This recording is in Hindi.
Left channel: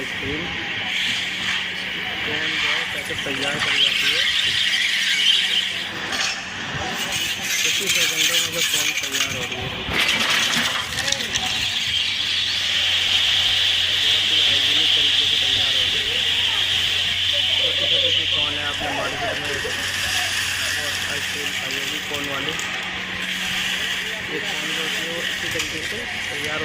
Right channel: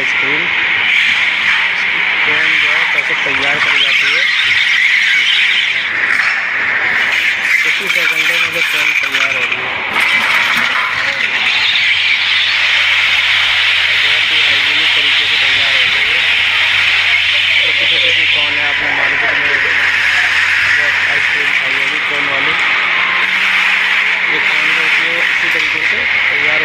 आइसक्रीम कोन जो है कैसे तैयार करी जाती है। कुछ ही सेकंडों में जो कोन तैयार हो रही है, बहुत ही हाइजीनिक तरीके से तैयार हो रही है। छोटी छोटी सी कोन है, आपने मार्केट में बहुत आइसक्रीम खाई होगी कोन वाली। ये कोन जो होती है इसी तरीके से तैयार